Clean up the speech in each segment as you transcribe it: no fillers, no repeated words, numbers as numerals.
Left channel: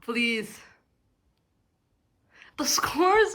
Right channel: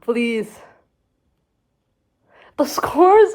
Please. The scores.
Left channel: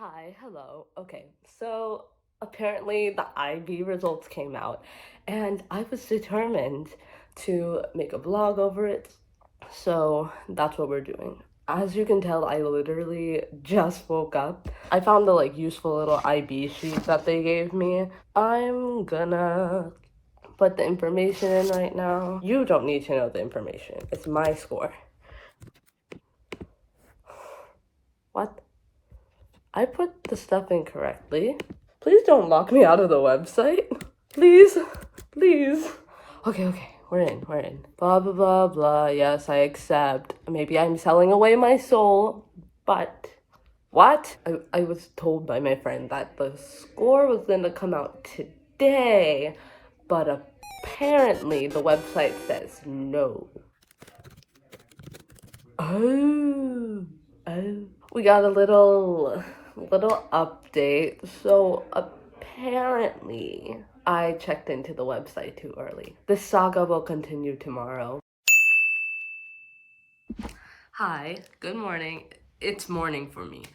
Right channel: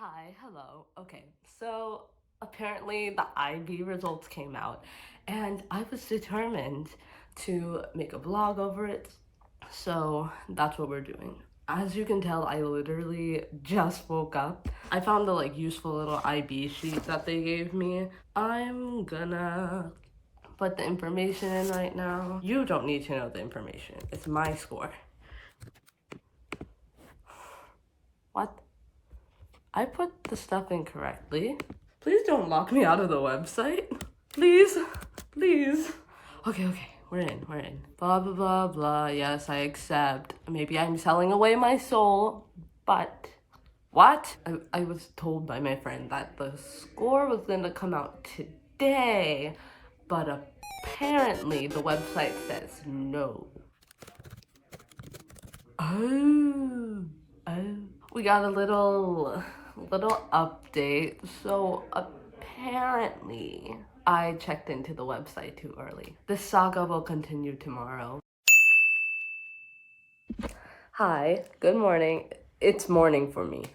Hi, hello. Okay, so apparently the IB results came out, and I was determined to make a vlog over it. So that's what we're doing. As you can tell, I literally just woke up. I found the useful little IB sheet that they gave me. I'm gonna put the information in right now. You don't need to know the information. It's my score. What? I put the stuff in correctly. Please don't lock me out of the website. Please. Please. Okay, we're in. Blah, blah, blah, blah. Yes, I accept. Maybe I'm selling away my soul, but... What? I was told by my friend that the score was gonna come out today, but apparently the website says no. Oh. We got a little update. So apparently I checked into the website too early. This saga will continue tomorrow. Hi, good morning. It's morning for me.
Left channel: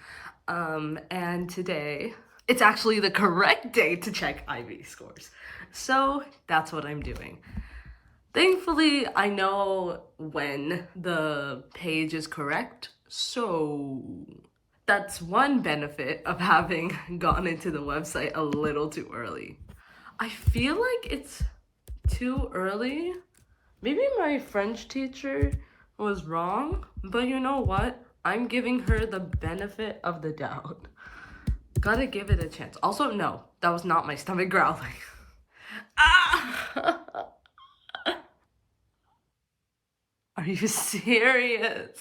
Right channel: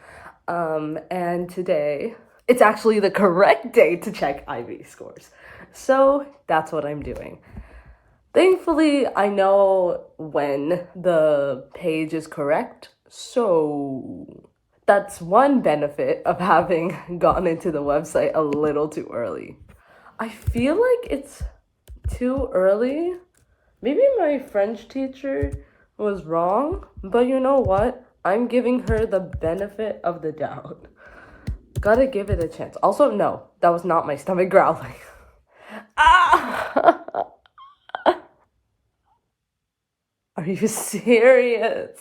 And today it's actually the correct day to check IB scores. So that's what I'm doing. Thankfully, I know when the page is correct, so that's one benefit of having gone into the website a little too early. I feel like it's too early. Maybe my French teacher was wrong, but you know what? I'm giving her the benefit of the doubt. Gotta give it a chance. Also, no, that was not my stomach growling. Ah! Are you serious?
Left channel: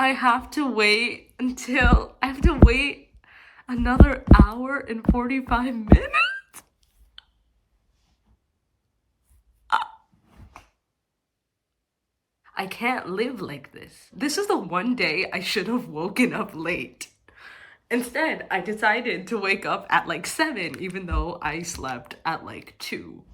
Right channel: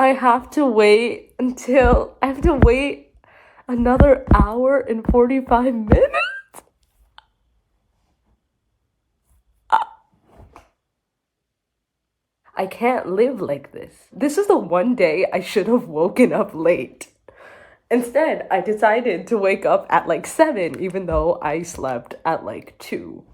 I have to wait another hour and 45 minutes? I can't live like this. This is the one day I should have woken up late. Instead, I decided to wake up at 7, even though I slept at 2.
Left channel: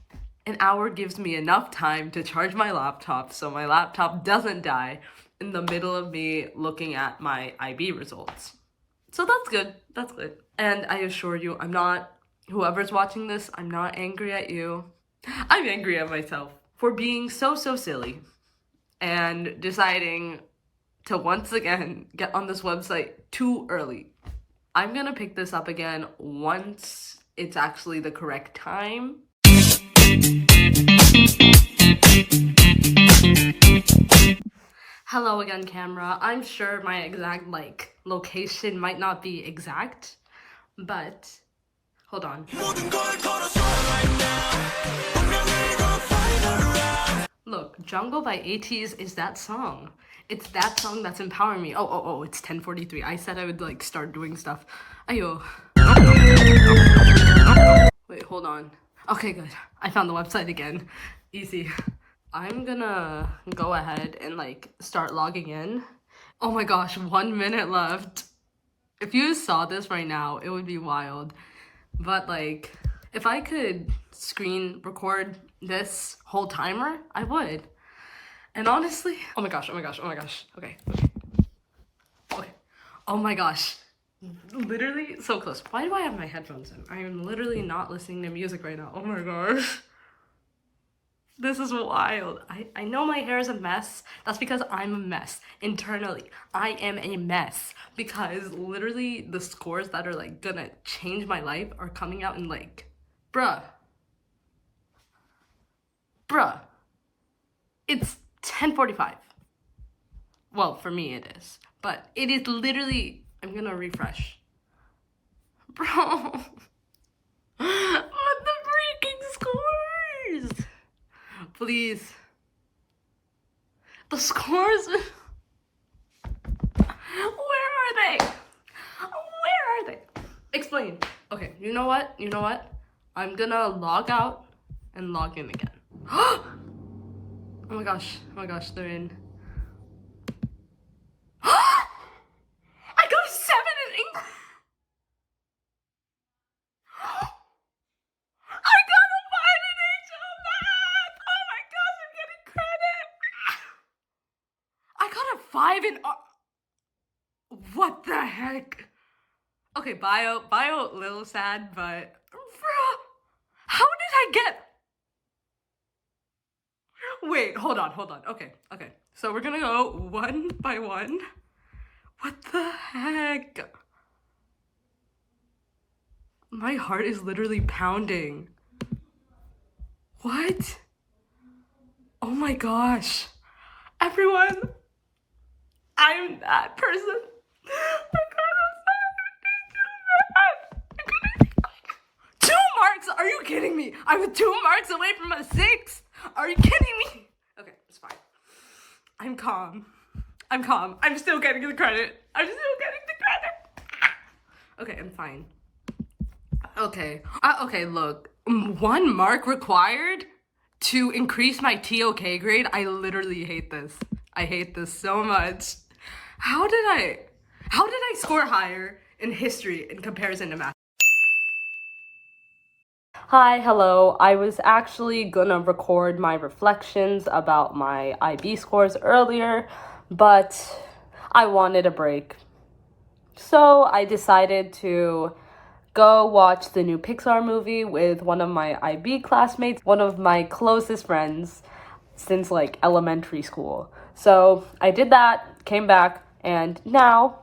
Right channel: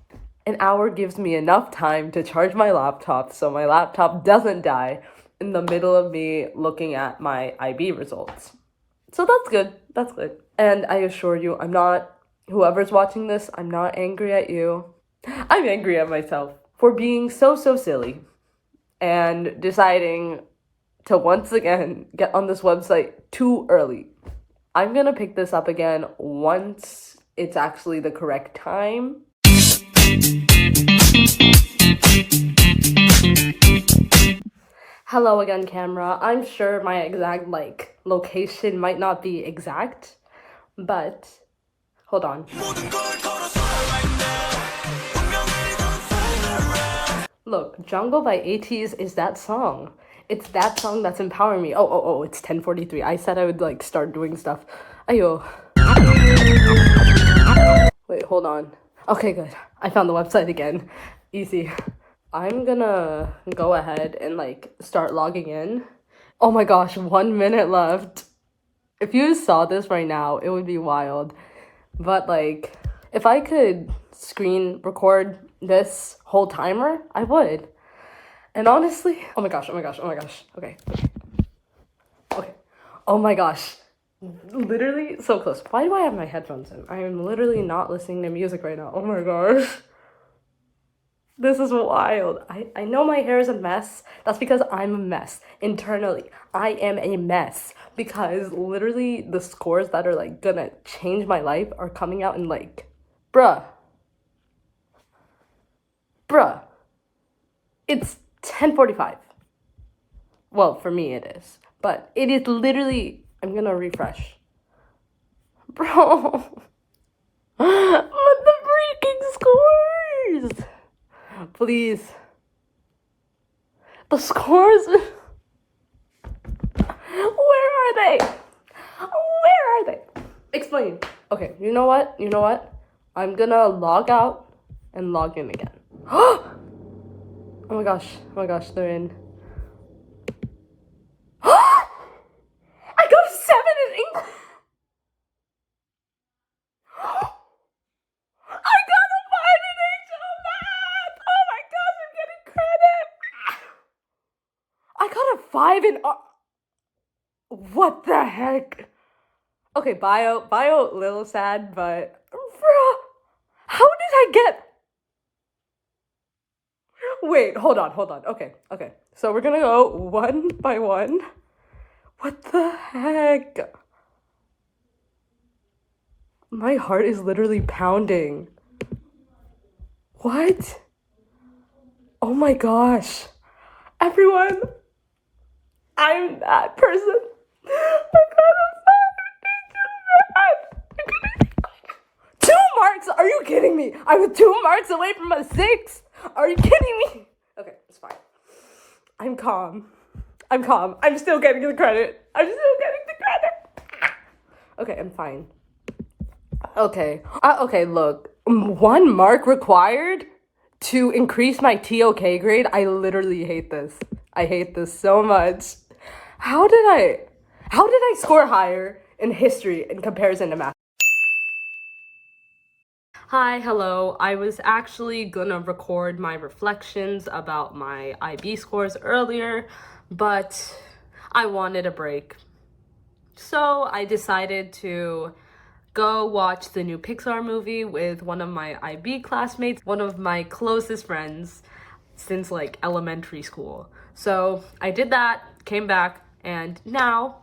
An hour gives me enough time to charge my laptop so my laptop doesn't die in the middle of me looking at my IB results. So that's good. And I assure you, whoever's watching this, I'm not angry at you. I'm angry at myself for being so silly and deciding to once again get on this website too early. I'm gonna pick this up again once it's actually the correct time. Hello again, camera. I'm sure my exact location might not be exact, but hold on. Look, Jungle by ATEEZ is that song. It's that song that's empowering me. Oh, it's 10:43. I said I would start doing stuff. Ayo. Wait, hold on. Okay, good. I found the website again. Easy. I'm gonna go ahead and start logging in. Oh my gosh, 1 minute left. If you saw this right now, it would be wild. But if I could screen record this whole timer, I would. And honestly, oh my gosh. Okay. Oh my gosh. Literally so close. Why do I have my headphones in? I am literally not listening to music right now. Oh my gosh. This is wild. I know my hair is a mess. That's because I'm a mess. Internally, I am a mess. Because literally the scores that are gonna change my life are coming out in bruh. It's 10:45. Well, for me it is. But it is literally, I'm gonna refresh. Bro. But the freaking scores! Please. The scores? Where are they? Where are they? Explain. Okay, you know what? You know what? I'm gonna log out and log in again. Oh my gosh. Oh my gosh, they're in. I got a 7 in English. I got a 5 in HL math. Oh my gosh, I'm getting credit. I got a 5 in what the heck? Okay, bio, a little sad, but bruh, how did I get? Wait, hold on. Okay. So we're gonna go one by one. What the heck? My heart is literally pounding. What? Oh my gosh. Everyone, I'm that person. I got a 2 marks? Are you kidding me? I was 2 marks away from a 6. Are you kidding me? Okay, it's fine. I'm calm. I'm still getting the credit. Okay, I'm fine. Okay. Okay, look. 1 mark required to increase my TOK grade. I literally hate this. I hate this so much. How did I score higher in history in comparison to math? Hi, hello. I was actually gonna record my reflections about my IB scores earlier, but I wanted a break. So I decided to go watch the new Pixar movie with one of my IB classmates, one of my closest friends since like elementary school. So I did that, came back, and now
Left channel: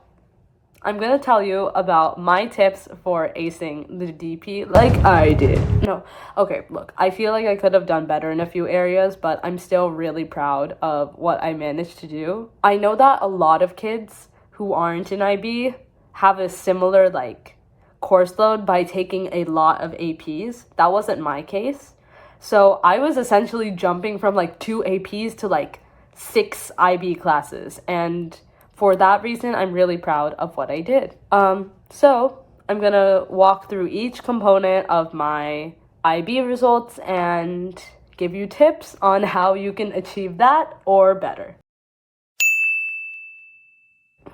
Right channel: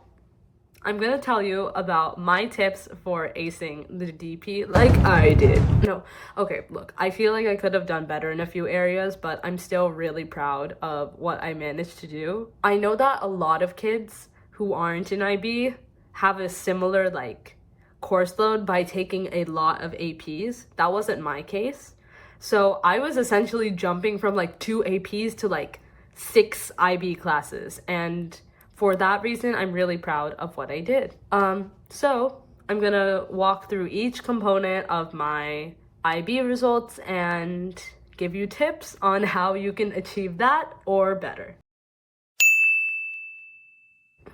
I'm gonna tell you about my tips for acing the DP like I did. No, okay, look, I feel like I could have done better in a few areas, but I'm still really proud of what I managed to do. I know that a lot of kids who aren't in IB have a similar like course load by taking a lot of APs. That wasn't my case. So I was essentially jumping from like 2 APs to like 6 IB classes, and for that reason, I'm really proud of what I did. So I'm gonna walk through each component of my IB results and give you tips on how you can achieve that or better.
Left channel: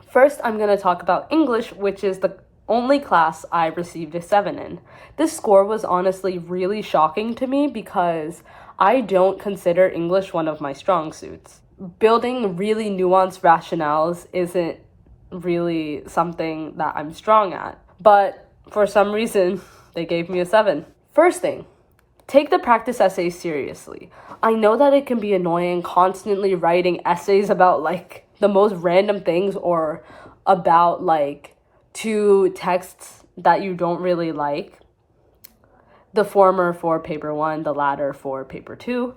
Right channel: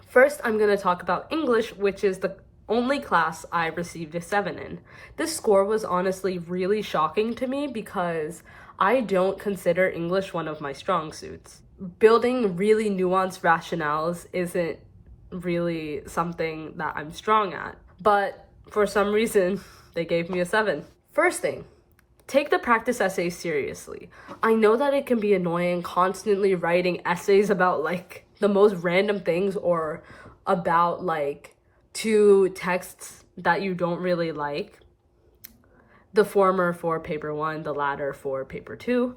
First, I'm gonna talk about English, which is the only class I received a 7 in. This score was honestly really shocking to me because I don't consider English one of my strong suits. Building really nuanced rationales isn't really something that I'm strong at, but for some reason, they gave me a 7. First thing, take the practice essays seriously. I know that it can be annoying constantly writing essays about like the most random things or about like 2 texts that you don't really like. The former for paper 1, the latter for paper 2.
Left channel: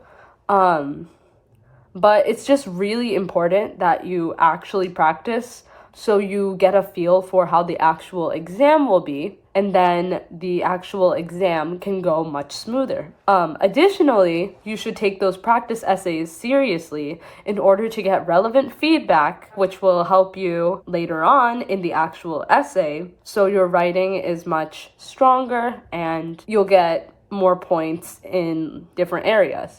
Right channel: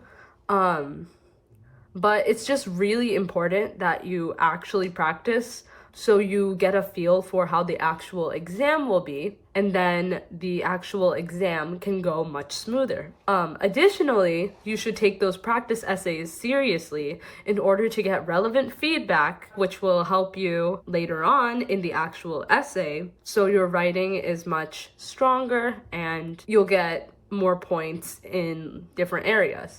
But it's just really important that you actually practice so you get a feel for how the actual exam will be, and then the actual exam can go much smoother. Additionally, you should take those practice essays seriously in order to get relevant feedback, which will help you later on in the actual essay, so your writing is much stronger and you'll get more points in different areas.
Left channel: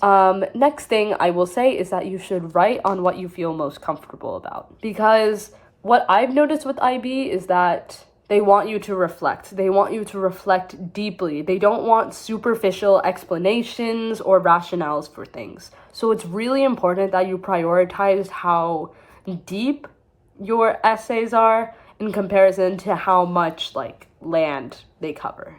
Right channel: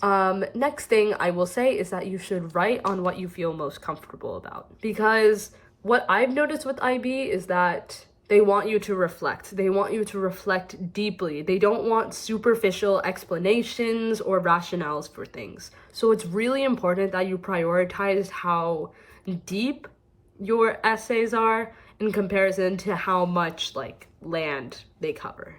Next thing I will say is that you should write on what you feel most comfortable about, because what I've noticed with IB is that they want you to reflect. They want you to reflect deeply. They don't want superficial explanations or rationales for things. So it's really important that you prioritize how deep your essays are in comparison to how much like land they cover.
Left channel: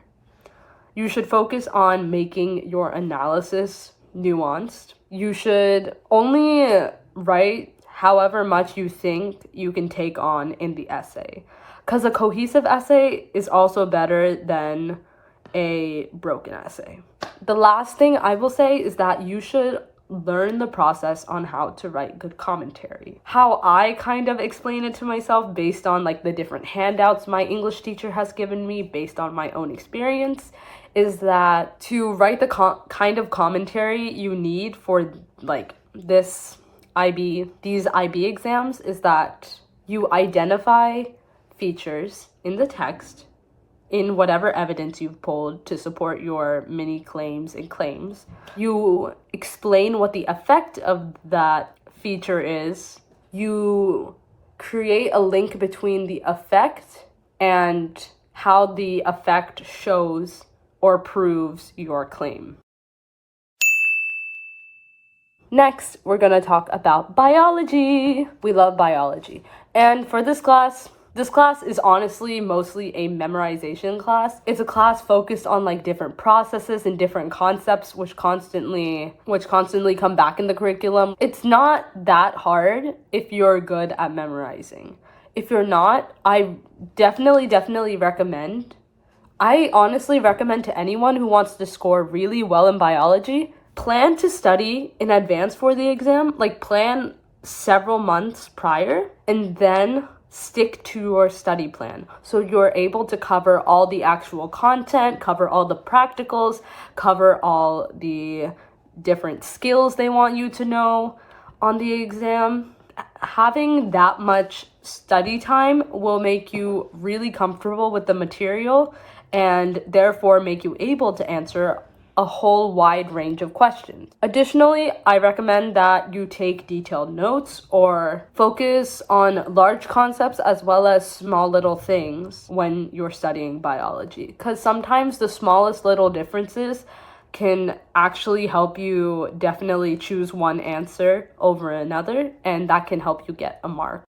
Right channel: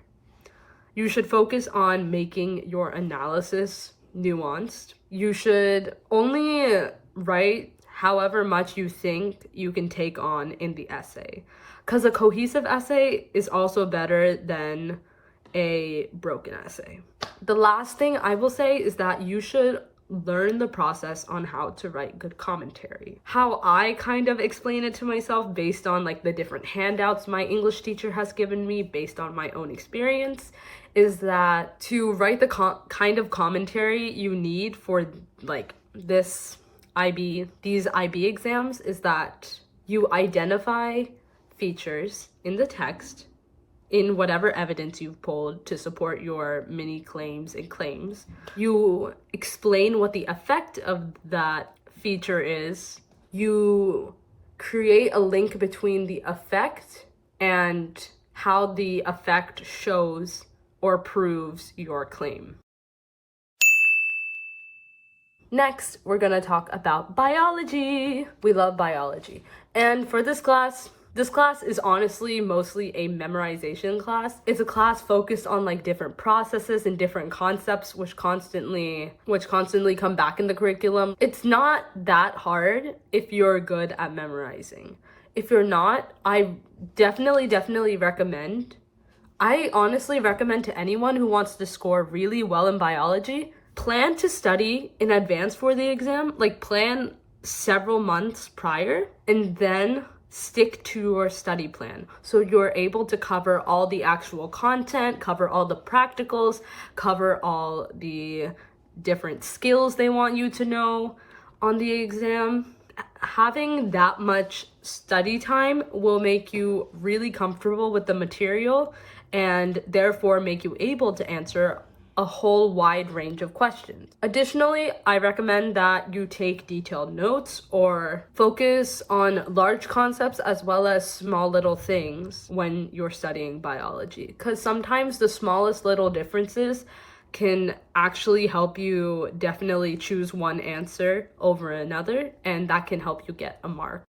You should focus on making your analysis nuanced. You should only write however much you think you can take on in the essay, because a cohesive essay is also better than a broken essay. The last thing I will say is that you should learn the process on how to write good commentary. How I kind of explain it to myself based on like the different handouts my English teacher has given me based on my own experience is that to write the kind of commentary you need for like these IB exams is that you identify features in the text in whatever evidence you've pulled to support your mini claims and claims. You explain what the effect of that feature is. You create a link between the effect and how the effect shows or proves your claim. Next, we're gonna talk about biology. We love biology. And for this class is honestly mostly a memorization class. It's a class focused on like different processes and different concepts which constantly come back in the curriculum. It's not that hard if you're good at memorizing. If you're not, I definitely recommend. I honestly recommend to anyone who wants to score really well in biology, plan to study in advance for the exam, like plan several months prior, and then stick to your study plan. So you're able to cover all the actual content, cover all the practicals, cover all the different skills they want you to know on the exam. Having that much study time will make you really comfortable with the material and therefore make you able to answer a whole wide range of questions. Additionally, I recommend that you take detailed notes or focus on large concepts as well as small little things when you're studying biology, because sometimes the smallest little differences can actually help you definitely choose one answer over another, and that can help you get a mark.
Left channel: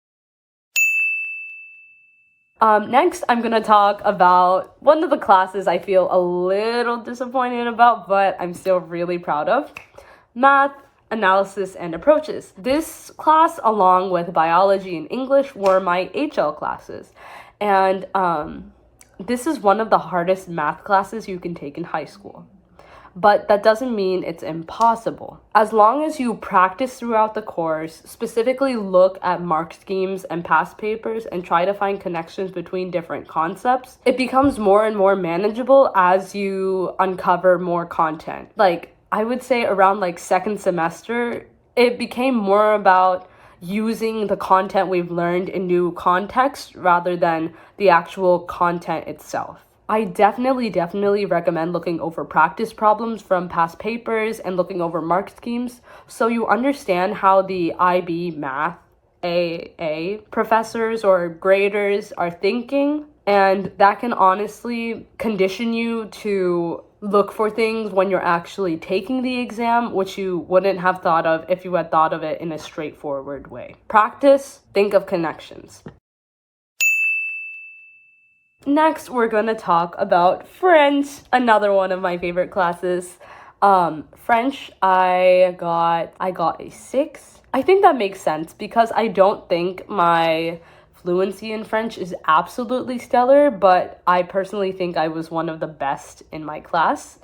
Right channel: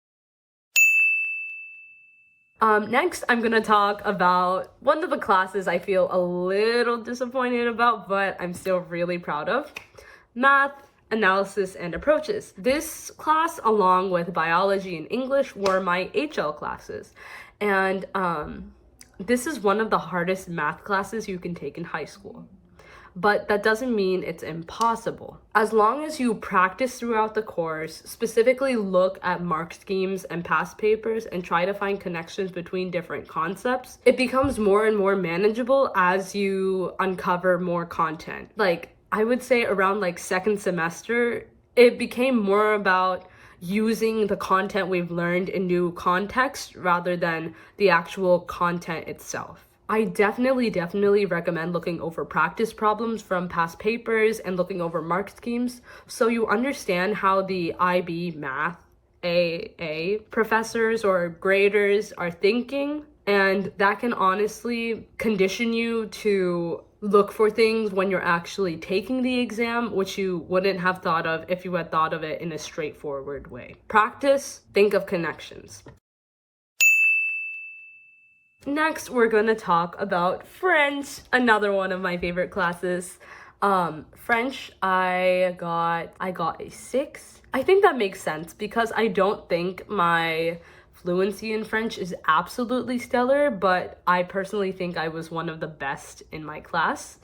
Next, I'm gonna talk about one of the classes I feel a little disappointed about, but I'm still really proud of. Math, analysis, and approaches. This class, along with biology and English, were my HL classes. And this is one of the hardest math classes you can take in high school. But that doesn't mean it's impossible. As long as you practice throughout the course, specifically look at mark schemes and past papers and try to find connections between different concepts, it becomes more and more manageable as you uncover more content. Like, I would say around like second semester, it became more about using the content we've learned in new context rather than the actual content itself. I definitely recommend looking over practice problems from past papers and looking over mark schemes so you understand how the IB math AA professors or graders are thinking, and that can honestly condition you to look for things when you're actually taking the exam, which you wouldn't have thought of if you had thought of it in a straightforward way. Practice, think of connections. Next, we're going to talk about French, another one of my favorite classes. French, I got a 6. I think that makes sense because I don't think my fluency in French is absolutely stellar, but I personally think I was one of the best in my class.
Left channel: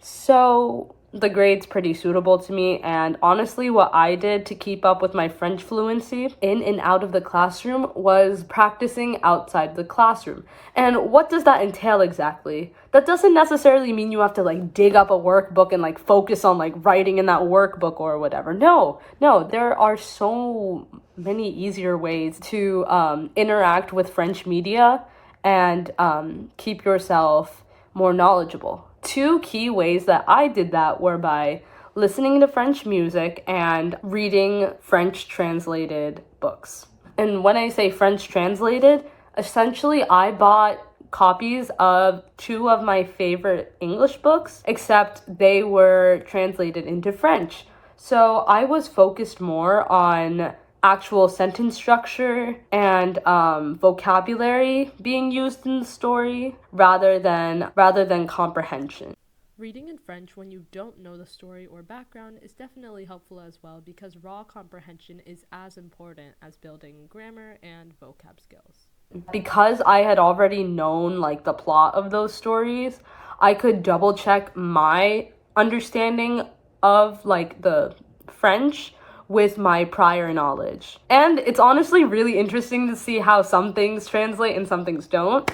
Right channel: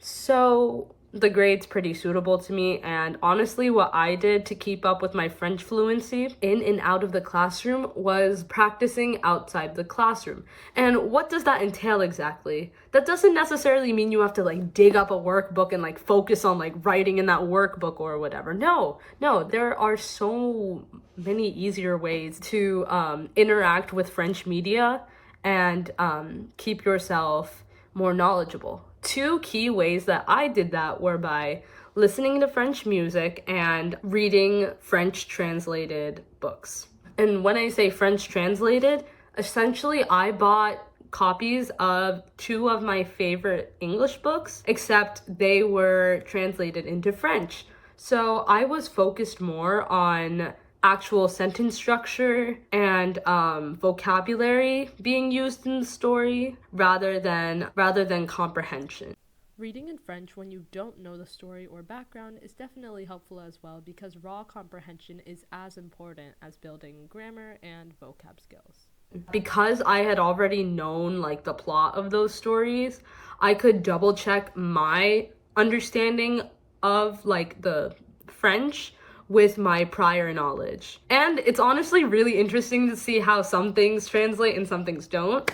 So the grade's pretty suitable to me, and honestly what I did to keep up with my French fluency in and out of the classroom was practicing outside the classroom. And what does that entail exactly? That doesn't necessarily mean you have to like dig up a workbook and like focus on like writing in that workbook or whatever. No, there are so many easier ways to interact with French media and keep yourself more knowledgeable. 2 key ways that I did that were by listening to French music and reading French translated books. And when I say French translated, essentially I bought copies of 2 of my favorite English books, except they were translated into French. So I was focused more on actual sentence structure and vocabulary being used in the story rather than comprehension. Reading in French when you don't know the story or background is definitely helpful as well because raw comprehension is as important as building grammar and vocab skills. Because I had already known like the plot of those stories, I could double check my understanding of like the French with my prior knowledge. And it's honestly really interesting to see how some things translate and some things don't.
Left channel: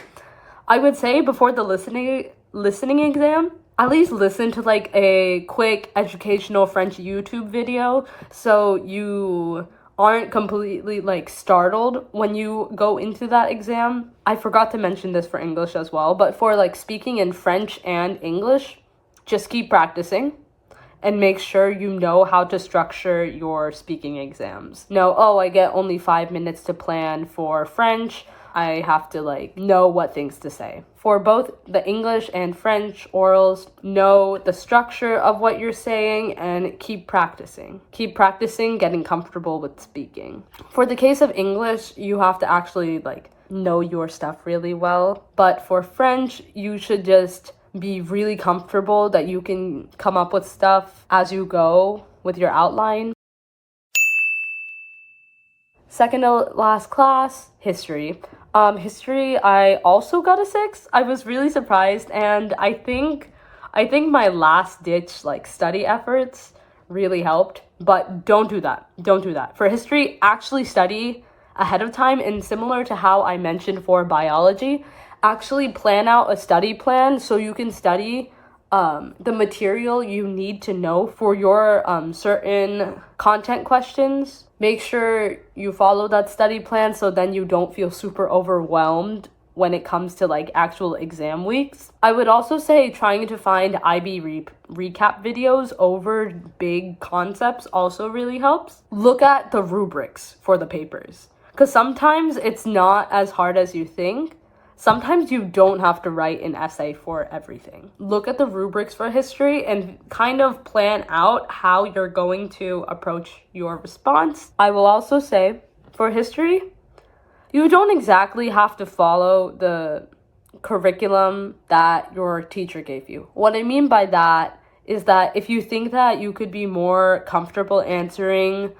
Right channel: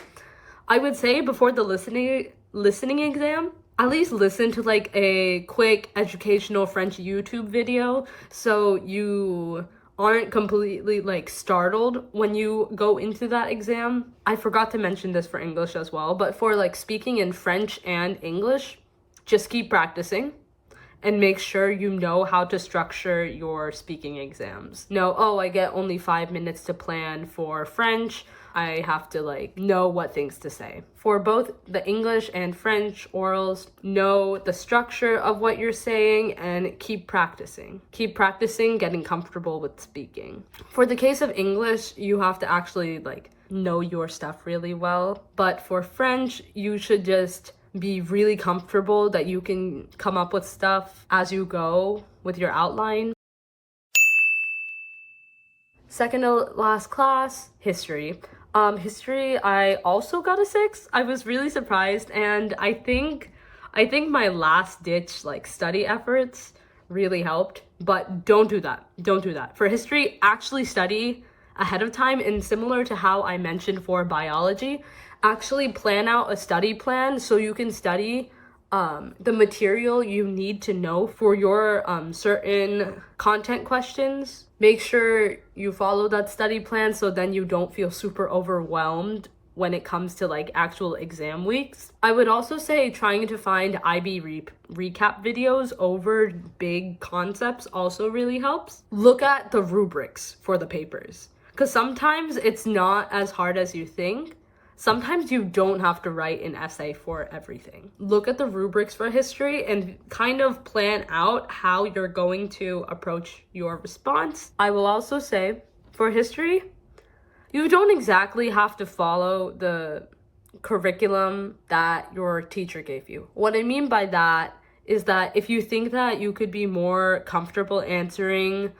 I would say before the listening exam, at least listen to like a quick educational French YouTube video so you aren't completely like startled when you go into that exam. I forgot to mention this for English as well, but for like speaking in French and English, just keep practicing and make sure you know how to structure your speaking exams. No, oh, I get only 5 minutes to plan for French. I have to like know what things to say. For both the English and French orals, know the structure of what you're saying and keep practicing. Keep practicing getting comfortable with speaking. For the case of English, you have to actually like know your stuff really well. But for French, you should just be really comfortable that you can come up with stuff as you go with your outline. Second to last class, history. History, I also got a 6. I was really surprised, and I think my last ditch like study efforts really helped, but don't do that. Don't do that. For history, actually study ahead of time, and similar to how I mentioned for biology, actually plan out a study plan so you can study the material you need to know for your certain content questions. Make sure you follow that study plan so then you don't feel super overwhelmed when it comes to like actual exam weeks. I would also say trying to find IB recap videos over big concepts also really helps. Look at the rubrics for the papers, because sometimes it's not as hard as you think. Sometimes you don't have to write an essay for everything. Look at the rubrics for history and kind of plan out how you're going to approach your response. I will also say, for history, you don't exactly have to follow the curriculum that your teacher gave you. What I mean by that is that if you think that you could be more comfortable answering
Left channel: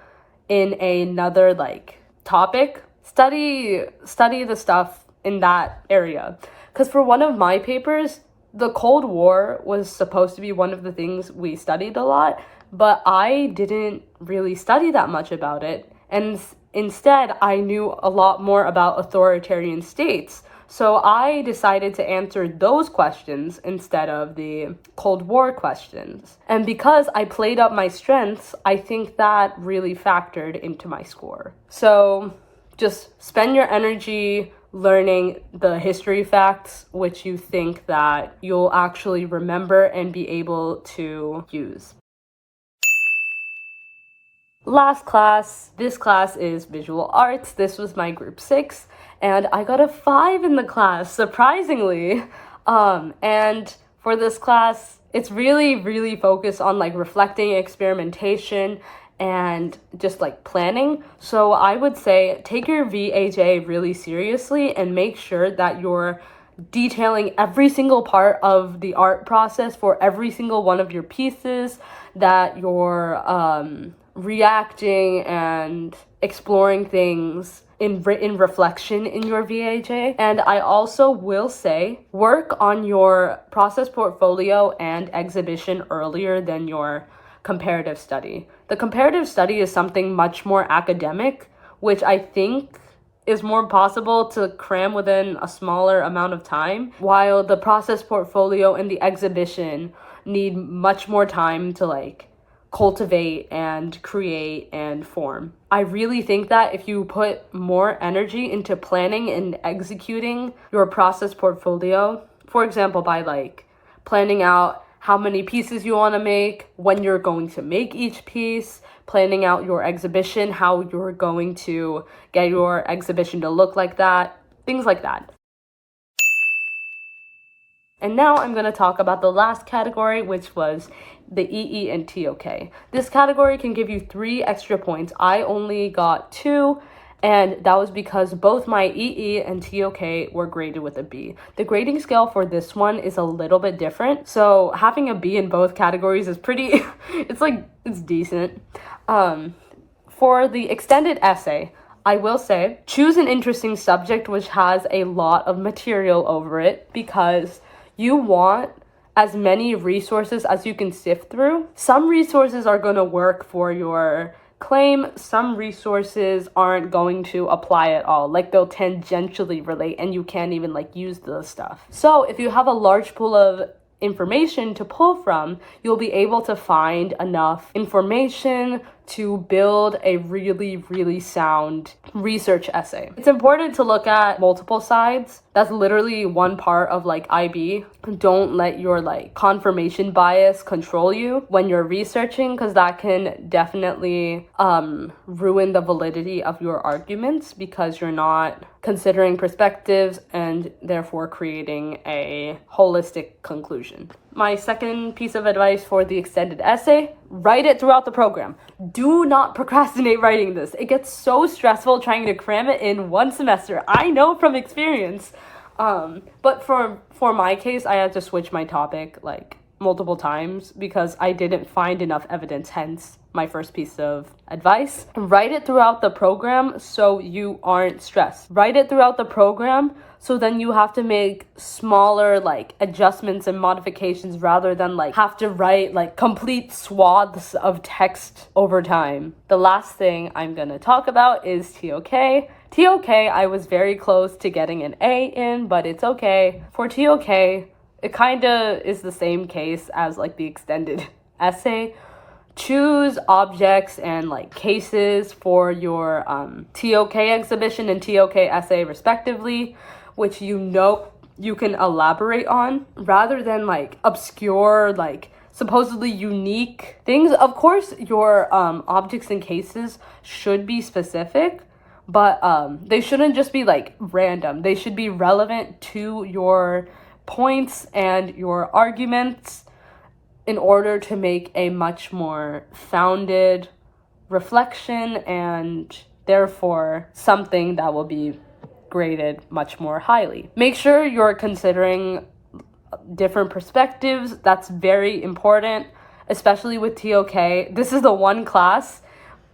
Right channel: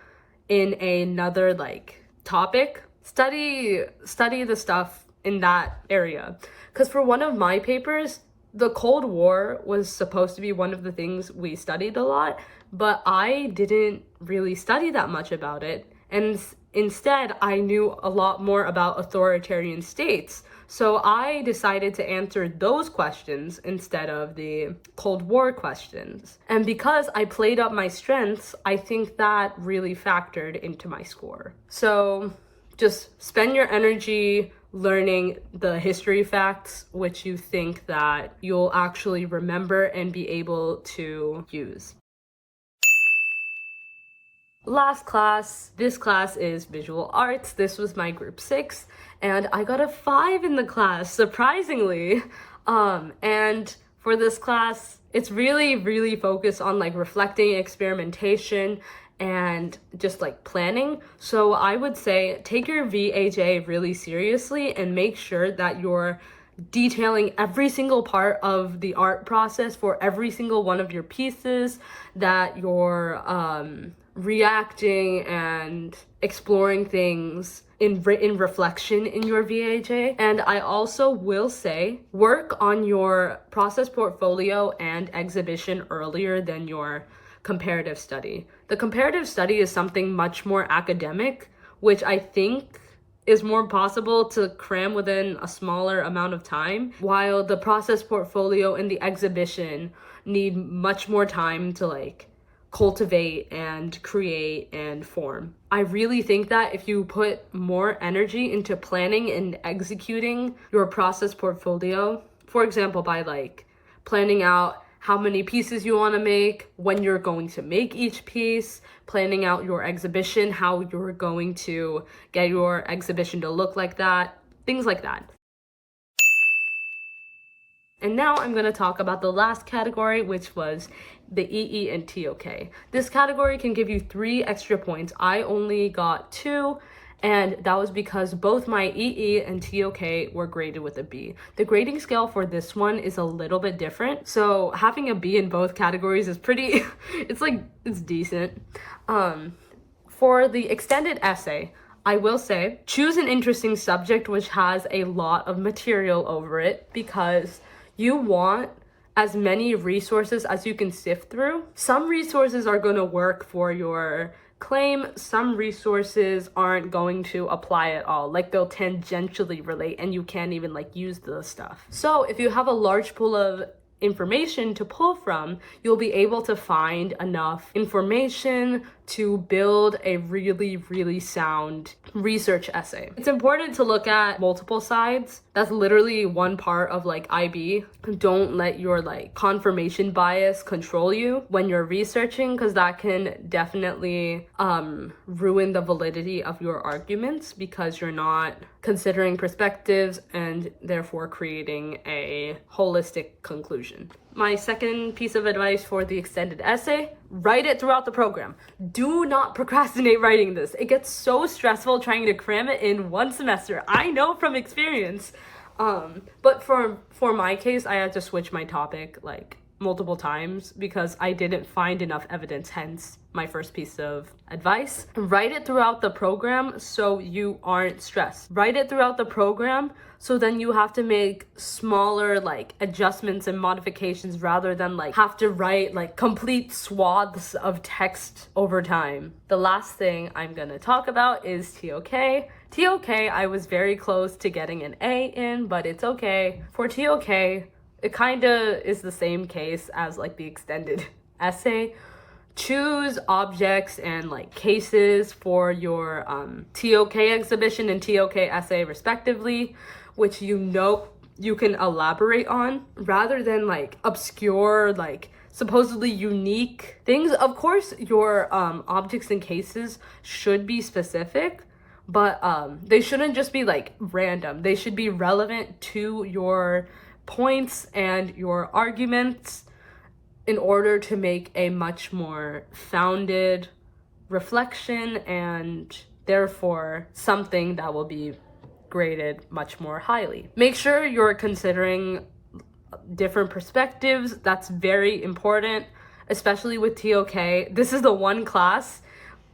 in another like topic, study the stuff in that area. Because for one of my papers, the Cold War was supposed to be one of the things we studied a lot, but I didn't really study that much about it. And instead, I knew a lot more about authoritarian states. So I decided to answer those questions instead of the Cold War questions. And because I played up my strengths, I think that really factored into my score. So just spend your energy learning the history facts, which you think that you'll actually remember and be able to use. Last class, this class is visual arts. This was my group 6, and I got a 5 in the class, surprisingly. And for this class, it's really focused on like reflecting, experimentation, and just like planning. So I would say take your VHA really seriously and make sure that you're detailing every single part of the art process for every single one of your pieces, that you're reacting and exploring things in reflection in your VHA. And I also will say work on your process portfolio and exhibition earlier than your comparative study. The comparative study is something much more academic, which I think is more possible to cram within a smaller amount of time, while the process portfolio and the exhibition need much more time to like cultivate and create and form. I really think that if you put more energy into planning and executing your process portfolio, for example, by like planning out how many pieces you want to make, when you're going to make each piece, planning out your exhibition, how you're going to get your exhibition to look like that, things like that. And now I'm going to talk about the last category, which was the EE and TOK. This category can give you 3 extra points. I only got 2, and that was because both my EE and TOK were graded with a B. The grading scale for this one is a little bit different, so having a B in both categories is pretty, it's decent. For the extended essay, I will say, choose an interesting subject which has a lot of material over it, because you want as many resources as you can sift through. Some resources are going to work for your claim, some resources aren't going to apply at all. Like they'll tangentially relate and you can't even like use the stuff. So if you have a large pool of information to pull from, you'll be able to find enough information to build a really, really sound research essay. It's important to look at multiple sides. That's literally one part of like IB. Don't let your like confirmation bias control you when you're researching, because that can definitely ruin the validity of your arguments because you're not considering perspectives and therefore creating a holistic conclusion. My second piece of advice for the extended essay: write it throughout the program. Do not procrastinate writing this. It gets so stressful trying to cram it in one semester. I know from experience. But for my case, I had to switch my topic like multiple times because I didn't find enough evidence, hence my first piece of advice. Write it throughout the program so you aren't stressed. Write it throughout the program so then you have to make smaller like adjustments and modifications rather than like have to write like complete swaths of text over time. The last thing I'm gonna talk about is TOK. TOK, I was very close to getting an A in, but it's okay. For TOK, it kind of is the same case as like the extended essay. Choose objects and like cases for your TOK exhibition and TOK essay respectively, which you know you can elaborate on, rather than like obscure, like supposedly unique things. Of course, your objects and cases should be specific, but they shouldn't just be like random. They should be relevant to your points and your arguments in order to make a much more founded reflection and therefore something that will be graded much more highly. Make sure you're considering different perspectives. That's very important, especially with TOK. This is the one class,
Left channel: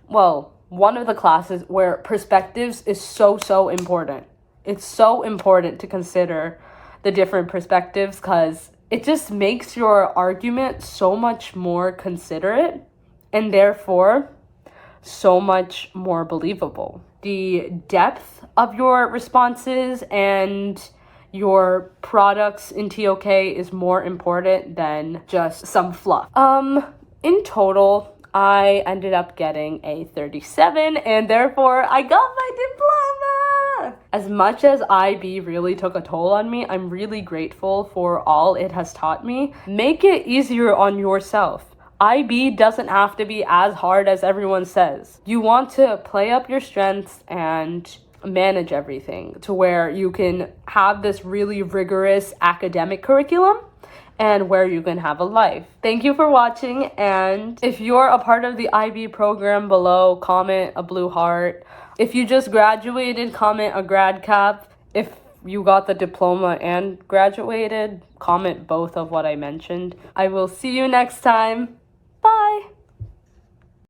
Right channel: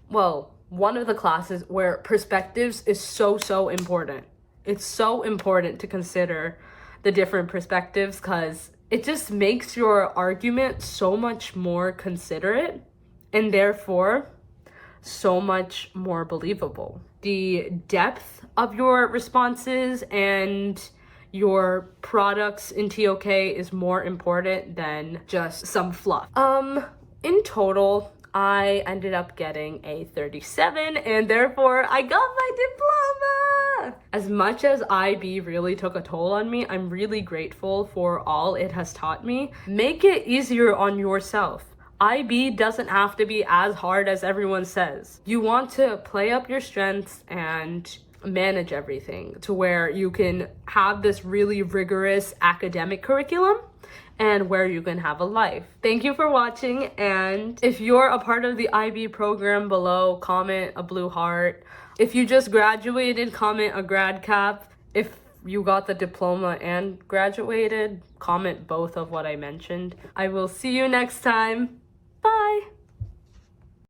well, one of the classes where perspectives is so important. It's so important to consider the different perspectives because it just makes your argument so much more considerate and therefore so much more believable. The depth of your responses and your products in TOK is more important than just some fluff. In total, I ended up getting a 37 and therefore I got my diploma. As much as IB really took a toll on me, I'm really grateful for all it has taught me. Make it easier on yourself. IB doesn't have to be as hard as everyone says. You want to play up your strengths and manage everything to where you can have this really rigorous academic curriculum and where you can have a life. Thank you for watching, and if you're a part of the IB program below, comment a blue heart. If you just graduated, comment a grad cap. If you got the diploma and graduated, comment both of what I mentioned. I will see you next time.